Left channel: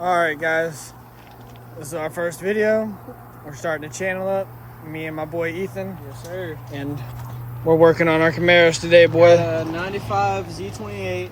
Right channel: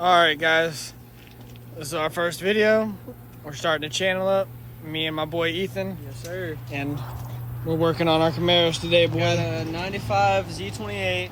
Alright guys, this is our first video. We're starting a channel up, me and my boy Ethan. Yes sir. And we're working on our Camaros today, boy. 95 Z28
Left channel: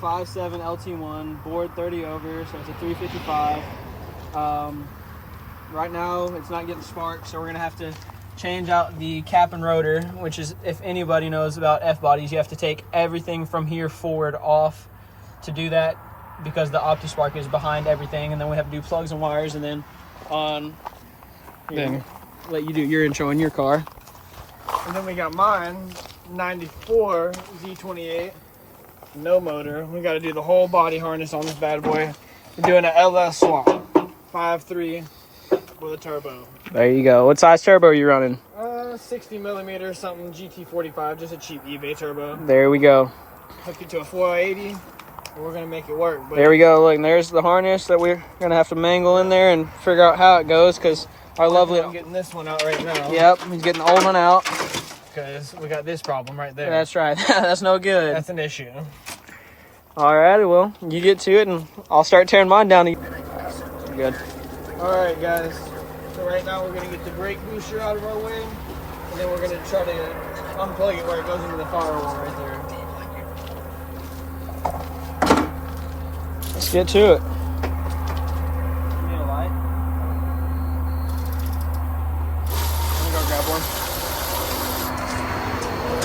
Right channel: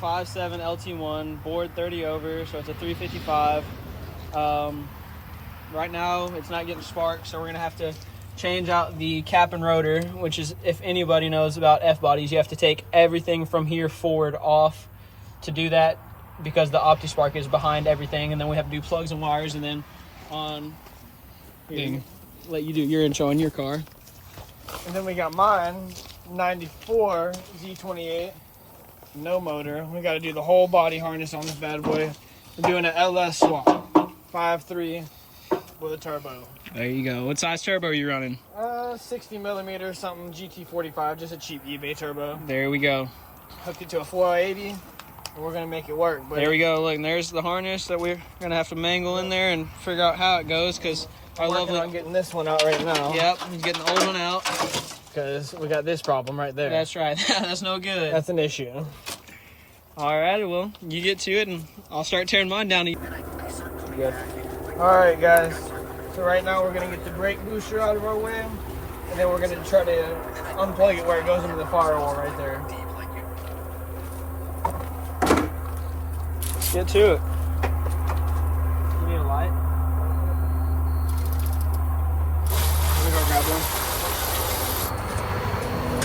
5.7 LT1, board 30 over, so it's a 355. Right now it's not getting spark, so we're gonna have to change out the cap and rotor, which is, if anybody knows about F-bodies, you have to take everything from here forward off to do that, because the OptiSpark is behind everything, and then we have to do plugs and wires, and then let you do your intro in your car. And then we got mine, 94 Z28, no motor. We got to do the whole body harness on this bad boy. We're doing an LS swap, 5.3 with a turbo. There you go. What size turbo are you running? 60 millimeter, something GT45, just a cheap eBay turbo. There we go. Hook it to a 480. We're gonna make it work. But there we go. Look, and there's the harness that we're gonna have to mangle in there and figure out how it goes, because our lovely. I'm getting this one out right now. Yep, he's getting the old one out. Because we got this problem right there. That's right. That's no good. That's an issue. All right, well, you get to it, and I'll start tearing mine down. Good. All right, guys. So right now we're gonna get the brake booster out of our way, and then we're gonna try to unplug it where it goes into the firewall right there. Let's get to it. You need a light? I'm gonna go grab one. I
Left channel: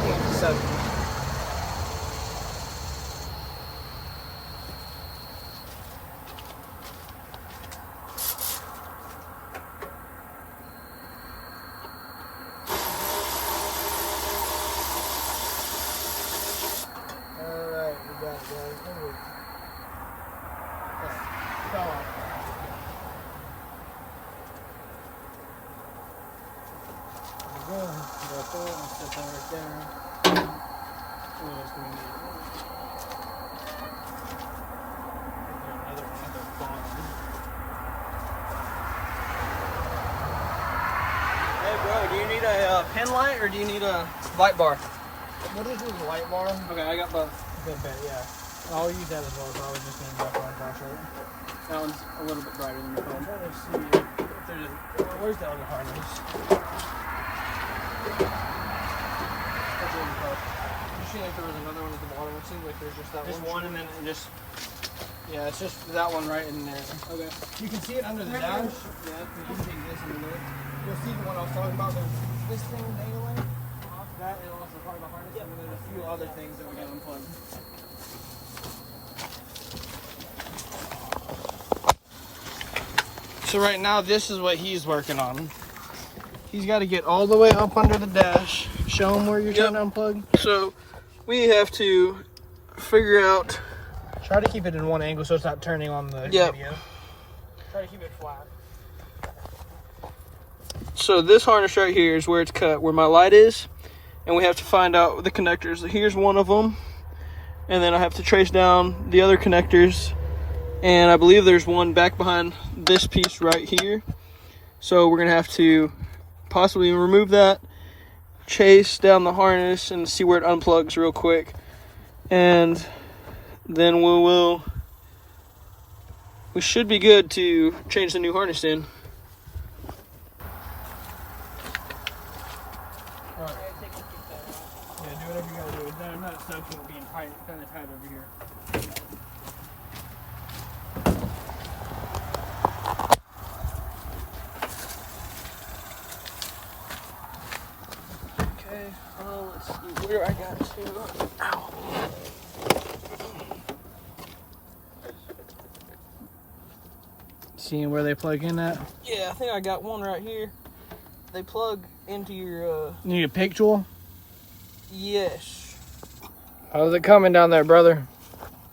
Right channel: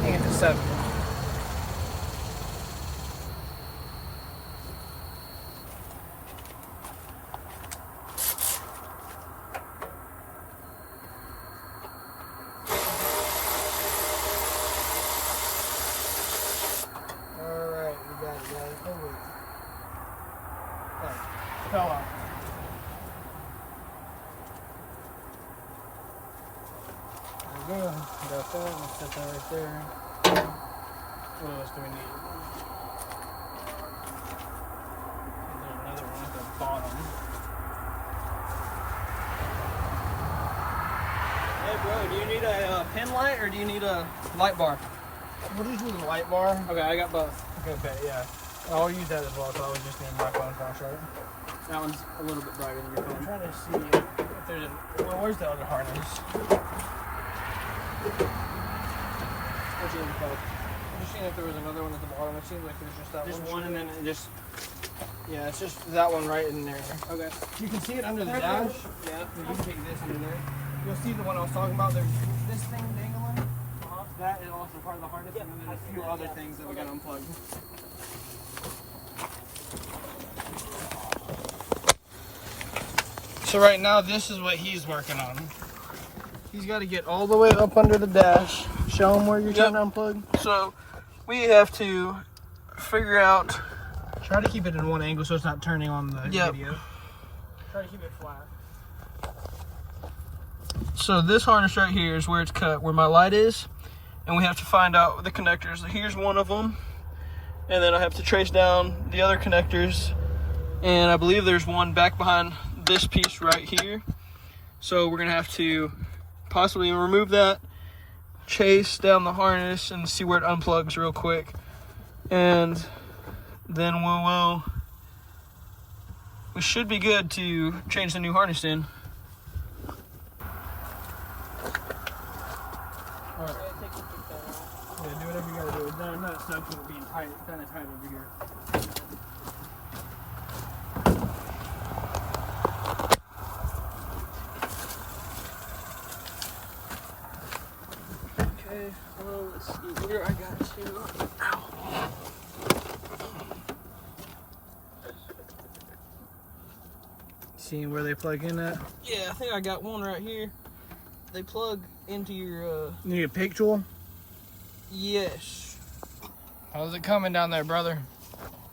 think it's a 7. Alright, we got it, guys. Fell off. There we go. Got that. Let's set that right there. What else do we need? Another one at the bottom. Hey, bro, do you need a pin light, or do you need a light bar? What is your light bar? Okay, I got both. Okay, yeah. I'll use that as well, so I was just needing my phone flashlight. That one's a little bit brighter than your I'm phone. trying to see if there's a... Oh, where's the other harness? What's in your phone? Just seeing if there was another one at the bottom. It seems like there's just that Just one. one, and then just... Yeah, it's just that one right in there. Okay. You can see it under the dash. Yeah. You can take this in there. You'll see the one I was talking about. There's this thing dangling. That is also part of the harness, and then a few other things that we got unplugged. So right now, this is what he's working on. He's got to get all the way up under the dash. Show him where you're trying to unplug. So we have to figure out. Try to keep it in one angle so it's not turning on the video. Try to keep it flat. So this harness right here is where it's cut, where my light is, and we have to find out the connectors. Here's one of them, and then I have to trace down the other connectors, and I believe there's one back behind this piece right here. So we're gonna have to possibly remove that, chase down the harness, and see where it unplugs real quick, and then we should be good to change the new harness in. Alright. Yeah, do whatever you gotta do. It's not stuck to it being tight, kind of tight over here. Okay, let's see where I got to. Ow. Seeing where they plug in at? Yeah, I think I got one right here. They plug into your, You need a pick tool? yes. How's it coming down there, brother?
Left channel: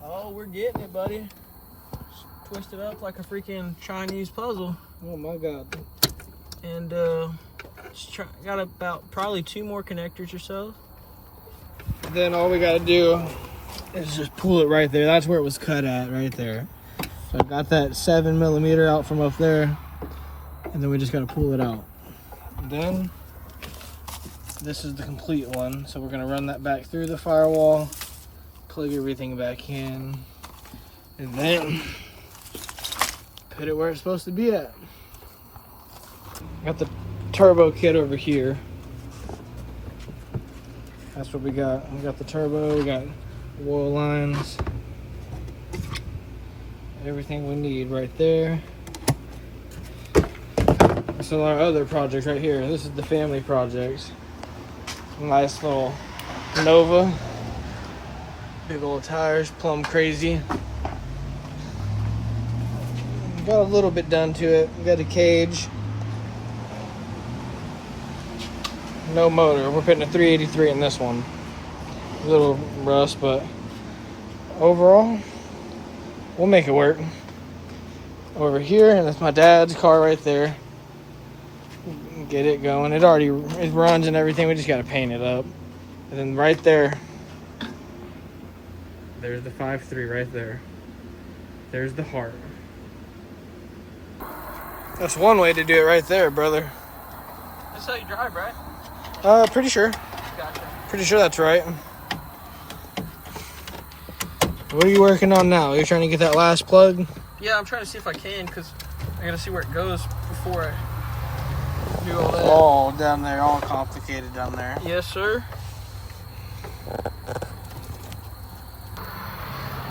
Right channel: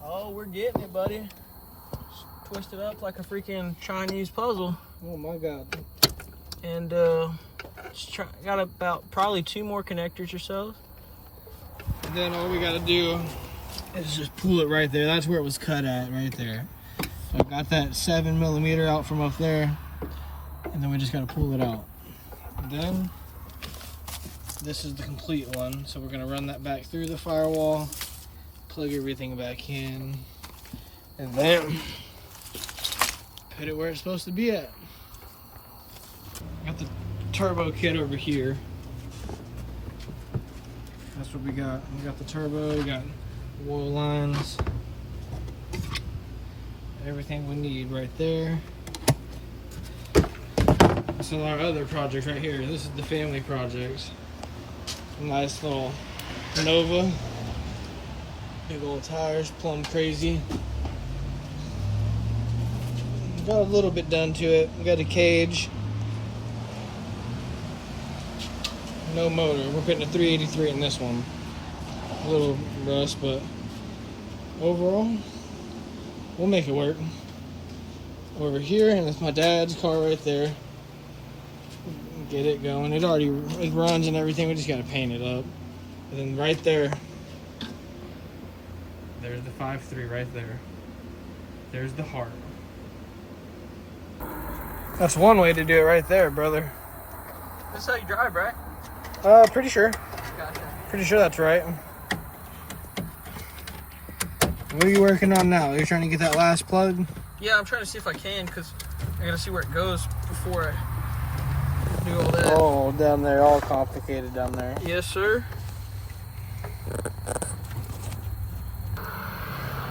Oh, we're getting it, buddy. Just twist it up like a freaking Chinese puzzle. Oh my god. And, got about probably 2 more connectors or so. Then all we gotta do is just pull it right there. That's where it was cut at, right there. So I got that 7 millimeter out from up there, and then we just gotta pull it out. And then this is the complete one, so we're gonna run that back through the firewall, plug everything back in, and then put it where it's supposed to be at. Got the turbo kit over here. That's what we got. We got the turbo, we got oil lines, everything we need right there. This is our other project right here. This is the family project. Nice little Nova. Big old tires, plumb crazy. Got a little bit done to it. We got a cage. No motor. We're putting a 383 in this one. A little rust, but overall, we'll make it work. Over here, and that's my dad's car right there. Get it going. It runs and everything. We just gotta paint it up. And then right there, there's the 5.3 right there. There's the heart. That's one way to do it right there, brother. That's how you drive, right? Pretty sure. Gotcha. Pretty sure that's right. What are you working on now? You're trying to get that last plug? Yeah, I'm trying to see if I can, because I gotta see where it goes before I do all that. Oh, down there, all complicated down there. Yes, sir.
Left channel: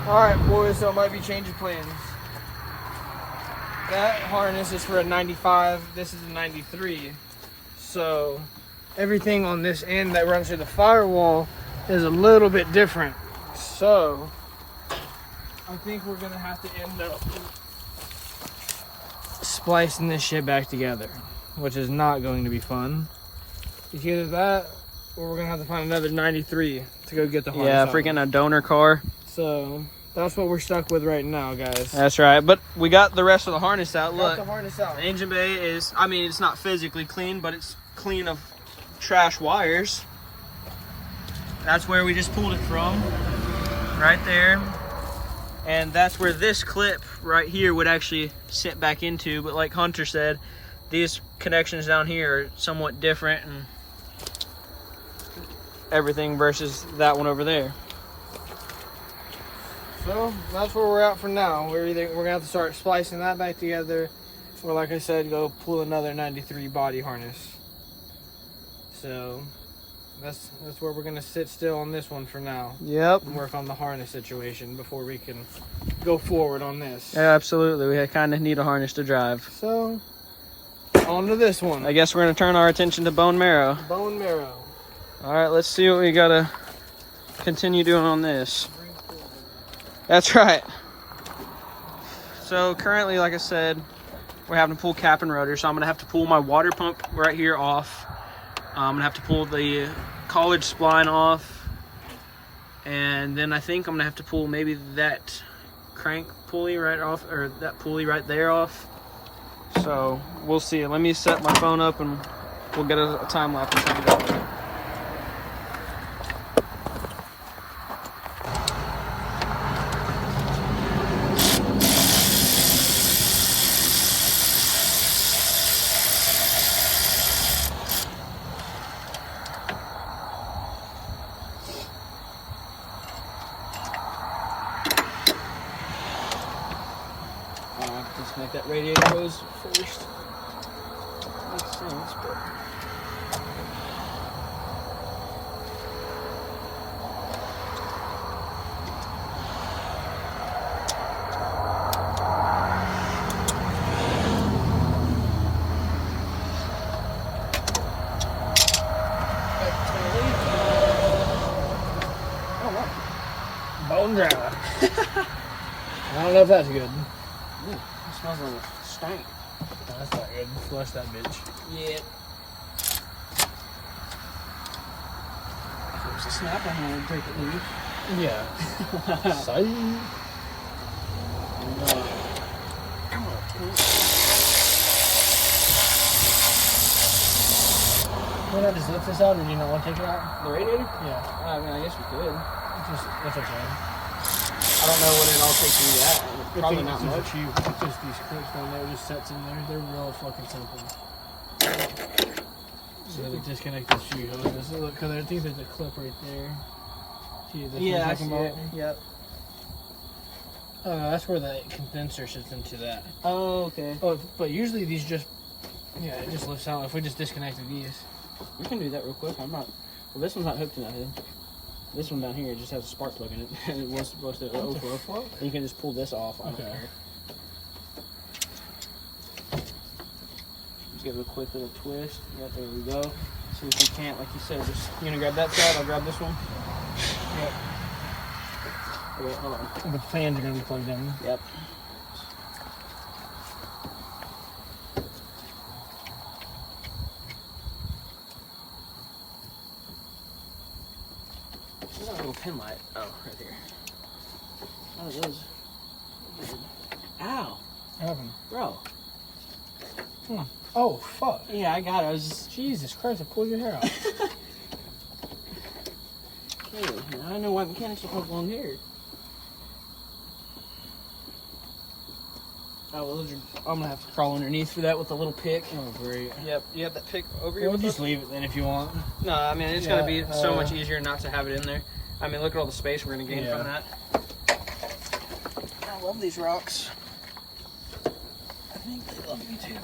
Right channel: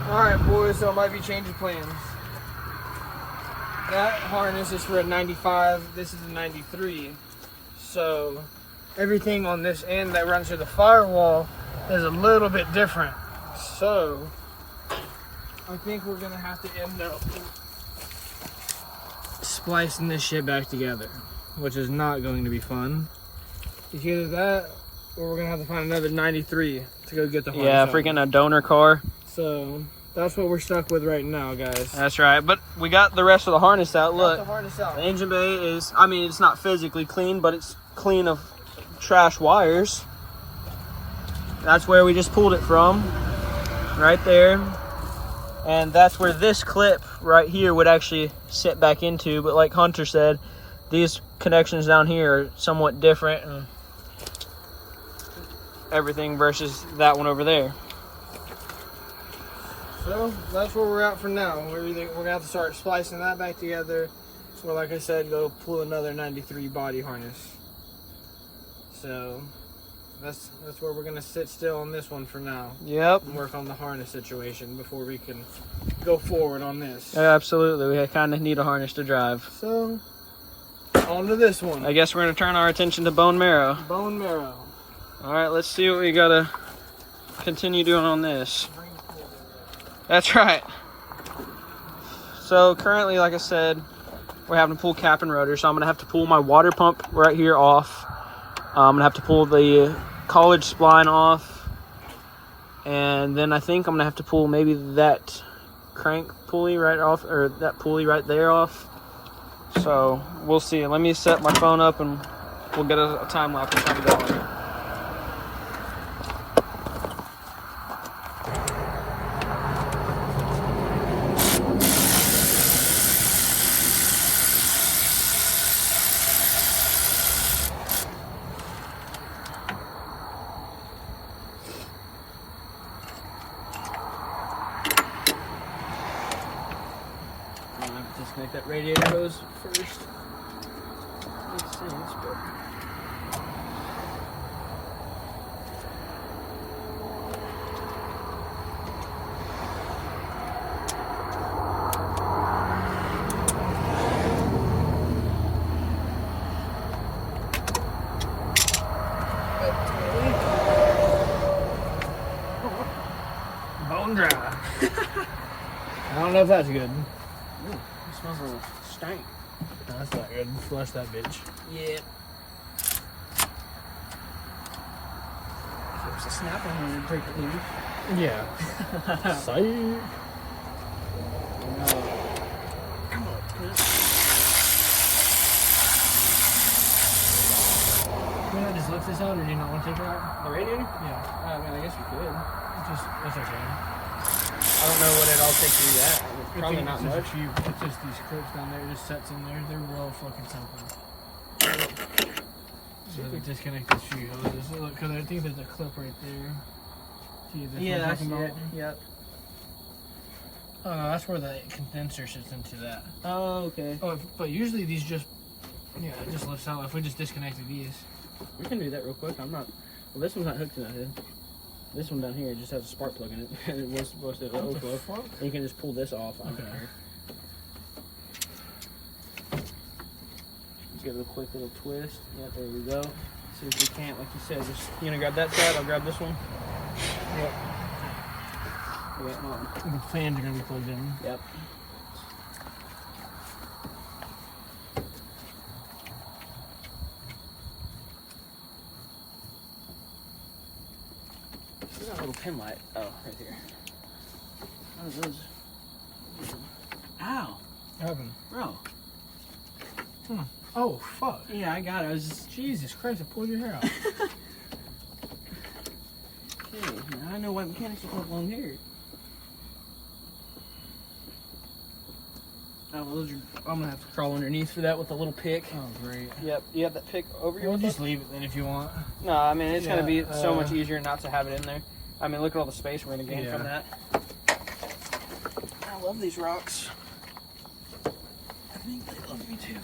Alright, boys, so it might be changing plans. That harness is for a 95, this is a 93. So, everything on this end that runs through the firewall is a little bit different. So, I think we're gonna have to end up splicing this shit back together, which is not going to be fun. It's either that, or we're gonna have to find another 93 to go get the harness. Yeah, out. freaking a donor car. So, that's what we're stuck with right now, guys. That's right, but we got the rest of the harness out. Look, Got the harness out. the engine bay is, I mean, it's not physically clean, but it's clean of trash wires. That's where we just pulled it from, right there. And that's where this clip right here would actually sit back into. But like Hunter said, these connections down here are somewhat different and everything versus that one over there. So that's where we're at for now. We're gonna have to start splicing that back together, or like I said, go pull another 93 body harness. So that's where we're gonna sit still on this one for now. Yep. And work on the harness situation before we can go forward on this. Yeah, absolutely. We kind of need a harness to drive. So on to this one. I guess we're gonna turn our attention to bone marrow. Bone marrow. All right, let's see what we gotta continue doing on this. That's right. So currently, like I said, we're having to pull cap and rotor. So I'm gonna have to pull my water pump right here off. I'm gonna have to pull the college spline off. And then I think I'm gonna have to pull maybe that crank pulley right off, or that pulley right there off. So we'll see. Let me set my phone up and we'll get a time lapse and check it out. Disconnect that radiator hose first. Makes sense, but Bone dry. I don't know if that's good. it smells like stank. That's not good. Flush that bitch. Yep. If it's a snap, I'm gonna break it loose. Yeah. So, can I just lift this out, or do you not want to take it out? The radiator? Yeah. I mean, I guess we could. That's okay. I don't know what it all takes to do that. Probably not much. It's just these clips down there, just sets in there. They're real fucking simple. So disconnect the shoe hoses. Because I think there's a clip right there. See, this Yeah, I one's see talking it. about. Yep. That's where the condenser sits into that. Oh, okay. Oh, but usually these just, yeah, it just lifts out. If we just disconnected these. We can do that real quick. I'm not, well, this one's not hooked to nothing. This one down here just has a spark plug in it. And it was supposed to overflow. And you can just pull this off on there. Just give it a quick little twist. Yeah, there we go. See if we can't, like you said, just, you gonna grab that side? I'll grab this one. Yeah. Okay, hold on. The fans are gonna be plugged in. Yep. Where's that little pin light? Oh, right there. Oh, those. Ow. What happened? Bro. Oh, fuck. Yeah, I got it. I was just. Jesus Christ, I pulled your hair out. Okay, I know why mechanics have long hair. Oh, well, those are, I'm gonna have to crawl underneath for that with a little pick. Oh, great. Yep, you have that pick over here? We'll just leave it then if you want. No, I mean, it's gonna be so much easier not to have it in there. I mean, look at all the space we're gonna gain from that. I love these rocks. I think they love me too.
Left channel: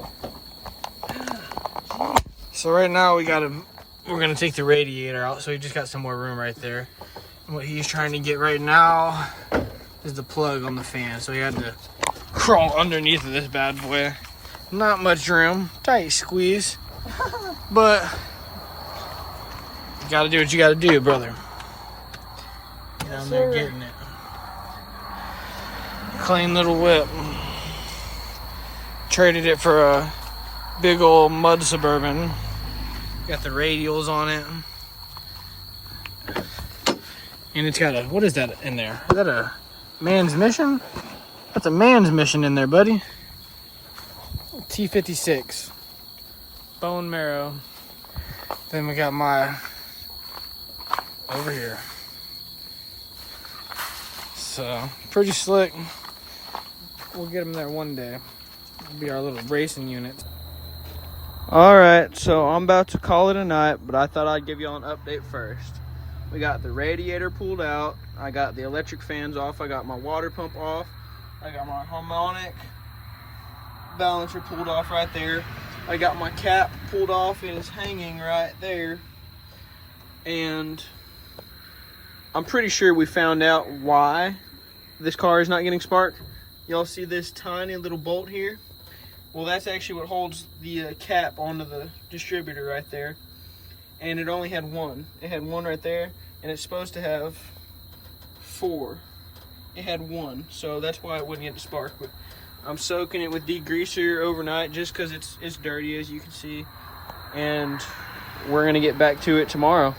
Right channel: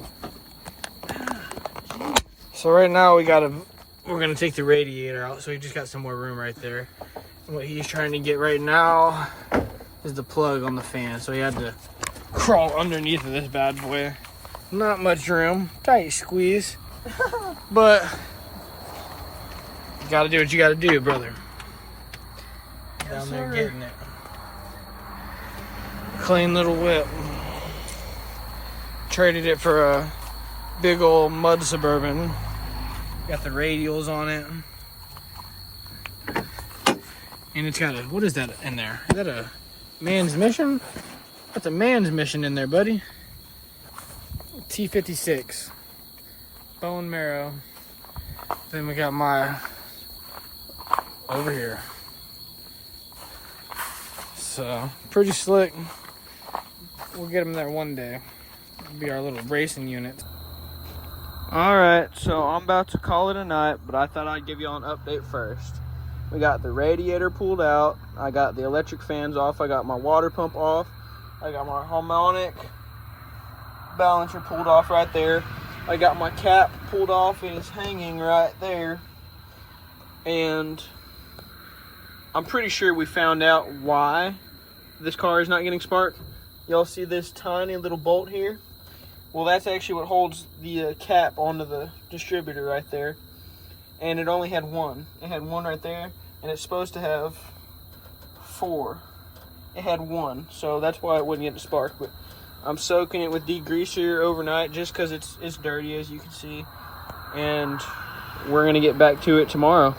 So right now we're gonna take the radiator out, so we just got some more room right there. And what he's trying to get right now is the plug on the fan, so he had to crawl underneath of this bad boy. Not much room, tight squeeze, but you gotta do what you gotta do, brother. Get down there getting it. Clean little whip. Traded it for a big old mud Suburban. Got the radials on it. And it's got a, what is that in there? Is that a man's mission? That's a man's mission in there, buddy. T56. Bone marrow. Then we got my, over here. So, pretty slick. We'll get them there one day. It'll be our little racing unit. Alright, so I'm about to call it a night, but I thought I'd give y'all an update first. We got the radiator pulled out. I got the electric fans off. I got my water pump off. I got my harmonic balancer pulled off right there. I got my cap pulled off. It is hanging right there. And I'm pretty sure we found out why this car is not getting spark. Y'all see this tiny little bolt here? Well, that's actually what holds the cap onto the distributor right there. And it only had one. It had one right there, and it's supposed to have 4. It had 1, so that's why it wouldn't get the spark. But I'm soaking it with degreaser overnight just because it's dirty, as you can see. And we're going to get back to it tomorrow.